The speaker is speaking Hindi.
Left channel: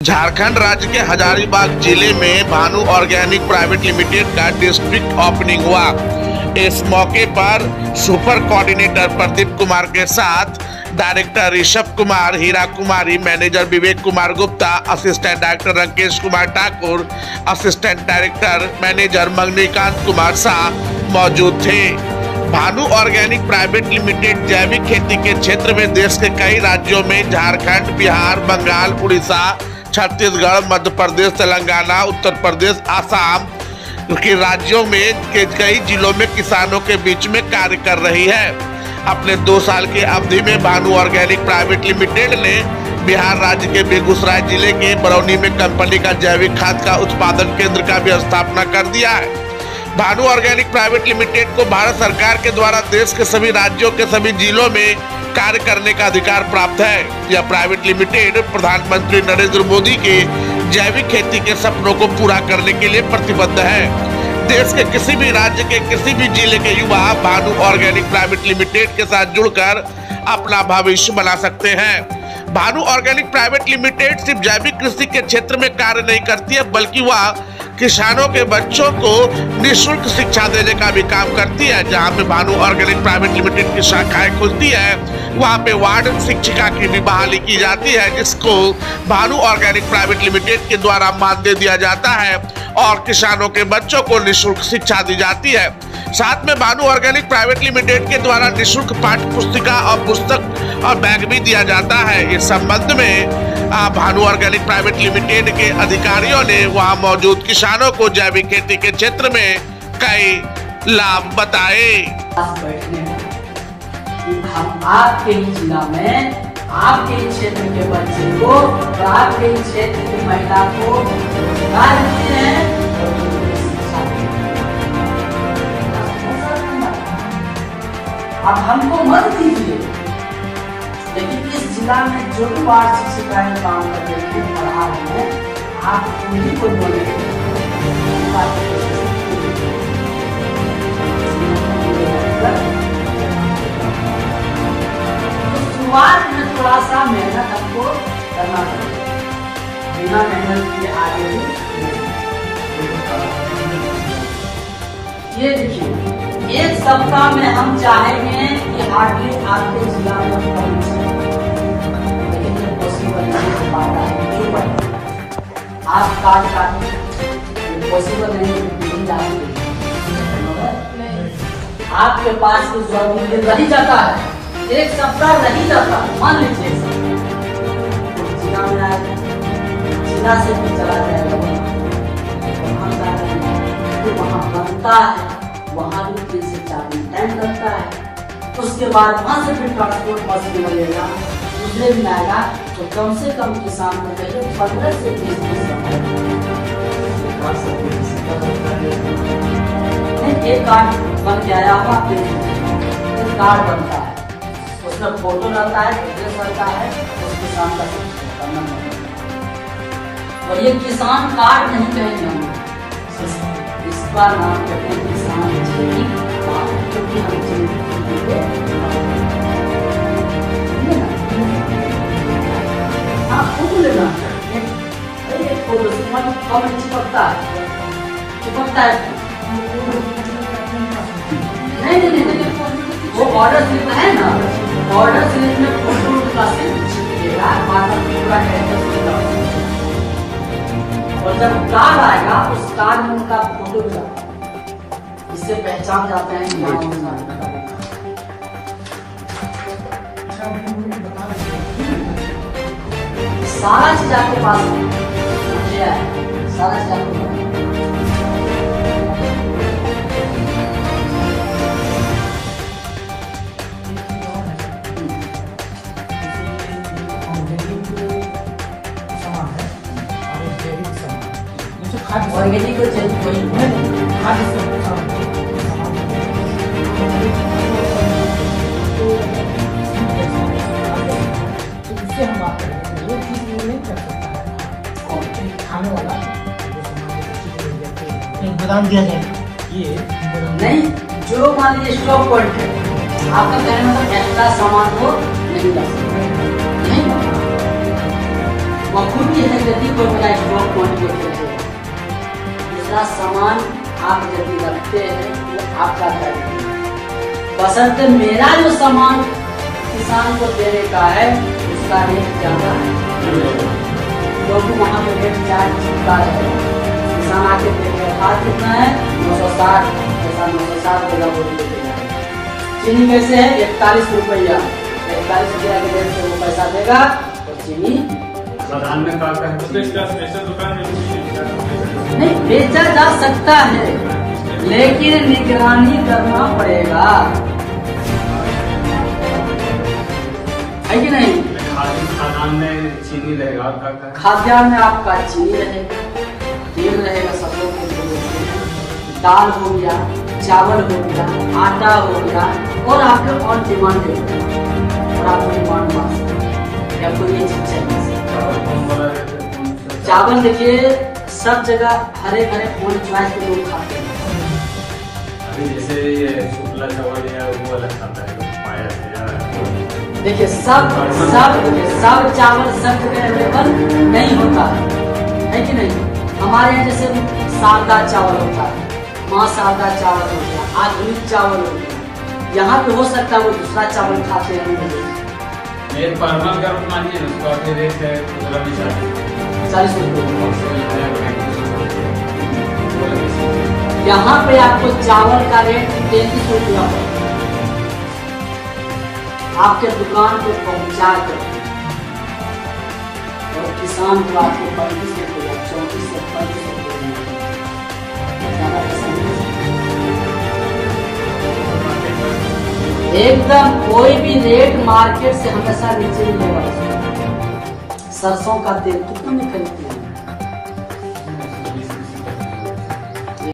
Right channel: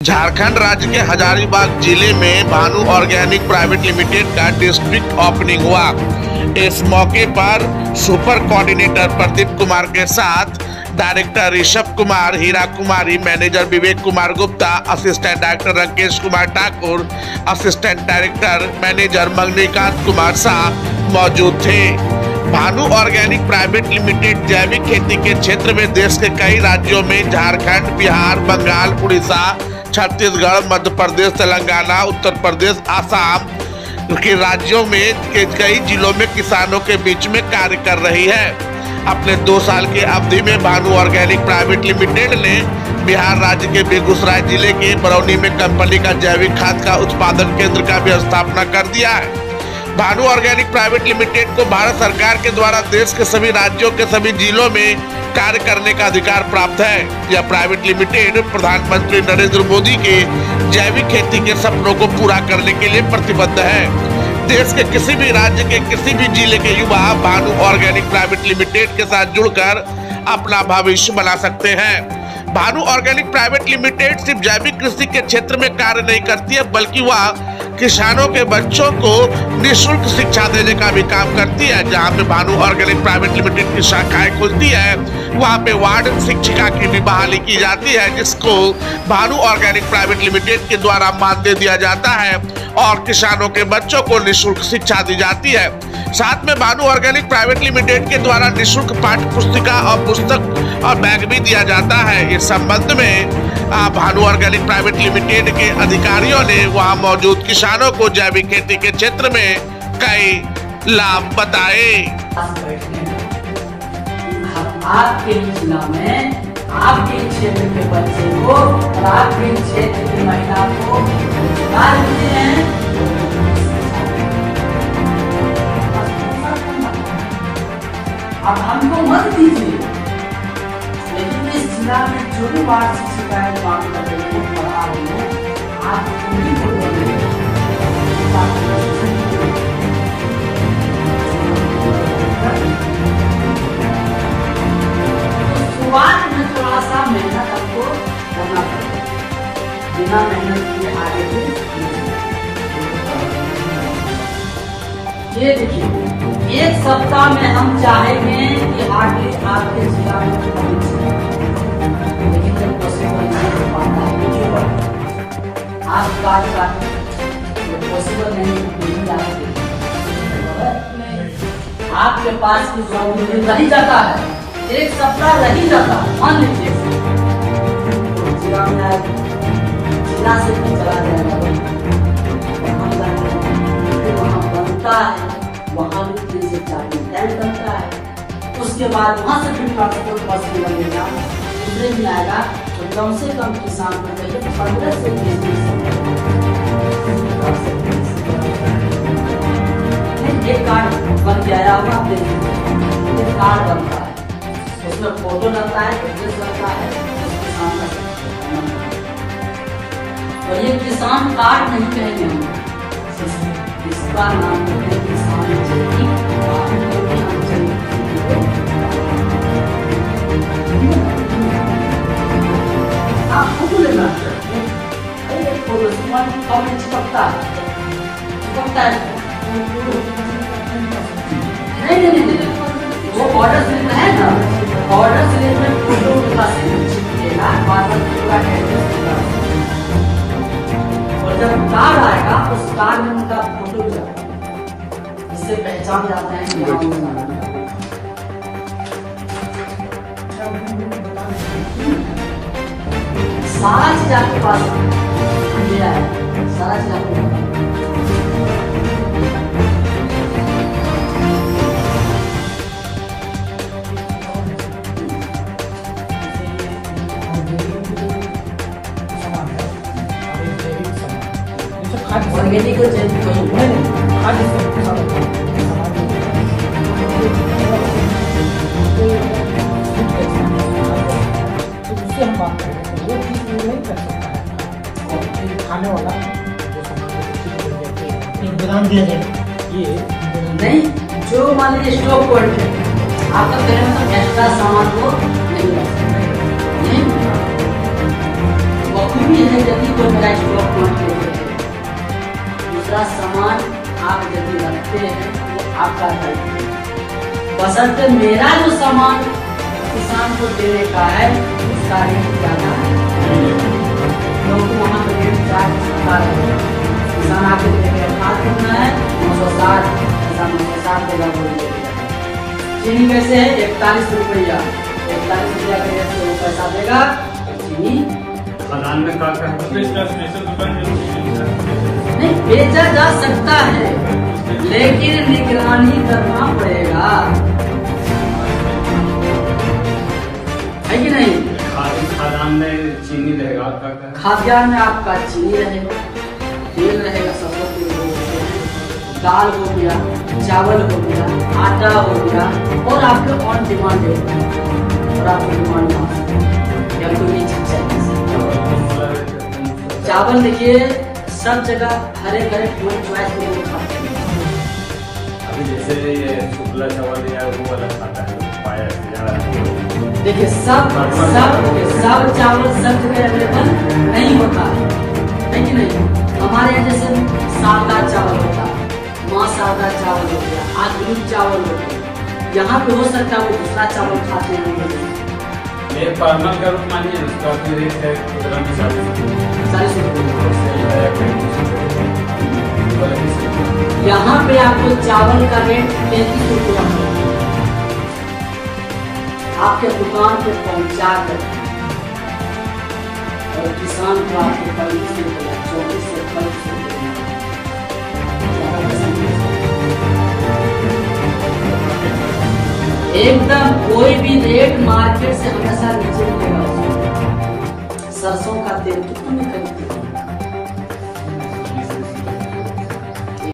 झारखंड राज्य के हजारीबाग जिले में भानु ऑर्गेनिक प्राइवेट लिमिटेड का डिस्ट्रिक्ट ओपनिंग हुआ। इस मौके पर सुपर कोऑर्डिनेटर प्रदीप कुमार के साथ director Rishabh Kumar, Heera Kumari, manager Vivek Kumar Gupta, assistant director Rakesh Kumar Thakur, assistant director manager Maganikant Kumar Shah मौजूद थे। भानु ऑर्गेनिक प्राइवेट लिमिटेड जैविक खेती के क्षेत्र में देश के कई राज्यों में झारखंड, बिहार, बंगाल, उड़ीसा, छत्तीसगढ़, मध्य प्रदेश, तेलंगाना, उत्तर प्रदेश, आसाम के राज्यों में के कई जिलों में किसानों के बीच में कार्य कर रही है। अपने 2 साल की अवधि में भानु ऑर्गेनिक प्राइवेट लिमिटेड ने बिहार राज्य के बेगूसराय जिले के बरौनी में कंपनी का जैविक खाद का उत्पादन केंद्र का भी स्थापना कर दिया है। भानु ऑर्गेनिक प्राइवेट लिमिटेड को भारत सरकार के द्वारा देश के सभी राज्यों के सभी जिलों में कार्य करने का अधिकार प्राप्त है। यह प्राइवेट लिमिटेड प्रधानमंत्री नरेंद्र मोदी के जैविक खेती के सपनों को पूरा करने के लिए प्रतिबद्ध है। देश के किसी भी राज्य के किसी भी जिले के युवा भानु ऑर्गेनिक प्राइवेट लिमिटेड के साथ जुड़कर अपना भविष्य बना सकते हैं। भानु ऑर्गेनिक प्राइवेट लिमिटेड सिर्फ जैविक कृषि के क्षेत्र में कार्य नहीं करती है, बल्कि वह किसानों के बच्चों को निःशुल्क शिक्षा देने का भी काम करती है। जहां पे भानु ऑर्गेनिक प्राइवेट लिमिटेड की शाखाएं खुलती है, वहां पे वार्ड शिक्षिका की भी बहाली की जाती है, जिसको भानु ऑर्गेनिक प्राइवेट लिमिटेड के द्वारा मानदेय दिया जाता है और किसानों के बच्चों को निःशुल्क शिक्षा दी जाती है। साथ में भानु ऑर्गेनिक प्राइवेट लिमिटेड के द्वारा निःशुल्क पाठ्य पुस्तिका और पुस्तक और बैग भी दिया जाता है। इस संबंध में भानु ऑर्गेनिक प्राइवेट लिमिटेड के अधिकारियों ने वहां मौजूद किसानों को जैविक खेती के क्षेत्र में कई लाभ बताए। आपके जिला में आपके क्षेत्र के बच्चे को और आपके क्षेत्र की महिला को रोजगार देते हैं। अब हमको मत दीजिए, लेकिन इस जिला में जो भी वार्ड शिक्षिकाएं काम कर रही है, पढ़ा रही है, आप उन्हीं को बोलिए। शुरुआत में थोड़ा सा मेहनत आपको करना पड़ेगा, बिना मेहनत के आगे भी ये देखिए, 1 सप्ताह में हम चाहेंगे कि आगे आपके जिला में लेकिन जब पॉसिबल नहीं हो पाता है, आप बात पॉसिबल नहीं आपके पास कुछ जरूरी रह जाता है, 1 सप्ताह रह जाता है। मान लीजिए जिला से भी चला जाएगा, वहाँ बनता है, वहाँ भी 3 से 4 दिन टाइम लगता है। उसके बाद वहाँ से भी ट्रांसपोर्ट बस भी लगेगा, दूसरे दिन आएगा, तो कम से कम किसान को चाहिए 15 से 20 दिन। एक कार्ड बन के आया होगा, एक कार्ड बनता है, उसमें फोटो लगता है, एड्रेस लगता है, किसान का। और ये किसान कार्ड नहीं कहेंगे हम, इसका नाम है किसान जैविक आप फोटो लेना चिपकता है नहीं, वो ऑर्डर स्लिप है ना, ऑर्डर स्लिप में फोटो चिपकेगा, और जब कार्ड आएगा उस कार्ड में उनका फोटो भी आता है, इससे पहचान जाता है कि सारा चीज आपके पास है, सारा चीज आपके पास। और यदि कोई उससे हम बात करेंगे, वो चीज़ नहीं कर सकता है और खाने वाला बदाम दिया जाए, ये नहीं, जो मान लीजिए स्टॉक पॉइंट आपका कहने मतलब एक्स्ट्रा सामान को नहीं कभी भी है यदि कोई मेरा स्टॉक पॉइंट देते हैं। दूसरा सामान आप यदि रखते हैं तो आपका दायित्व है। बशर्ते मेरा जो सामान किसान को देने का है उसका रेट ज्यादा क्योंकि वहाँ पे रेट 4% का है। किसान आके देने का कितना है 960, ऐसा 960 देना बोलिए। चीनी कैसे है 41 रुपया, 41 रुपया के रेट से वो पैसा देगा। चीनी नहीं बेचा जा सकता है लेकिन निगरानी करना पड़ेगा, है कि नहीं? खाद्यान्न में चीनी रहेगा, खाद्यान्न में आपका चीनी रहेगा, तेल रहेगा, सरसों के तेल, दाल हो गया, चावल हो गया, आटा हो गया और आपके ऑन डिमांड और आपको डिमांड या कोई नहीं चीज चाहिए। चावल देखिए सब जगह हरे हरे ऑन चॉइस के लोग खाते हैं। अभी जैसे शुक्ला चावल या वो वाला खाता है, देखिए सब चावल सब जगह अवेलेबल नहीं होता है कि नहीं? हमारे यहाँ जैसे सादा चावल होता है, माँ सादा चावल हो गया, आधुनिक चावल हो गया, यहाँ पे हो सकता है वो दूसरा चावल खाते हैं। ये पार्लर का मानिए उसको अपने रेट से 40 रुपये। यहाँ पे आपको चावल का रेट 33 रुपया आपके दुकान पे पहुंचा कर और किसान को आपको 25 से 24 से 25 एकदम कोई भी रेट मार्केट से हमेशा नीचे नहीं होगा। सरसों का तेल कितना निकलता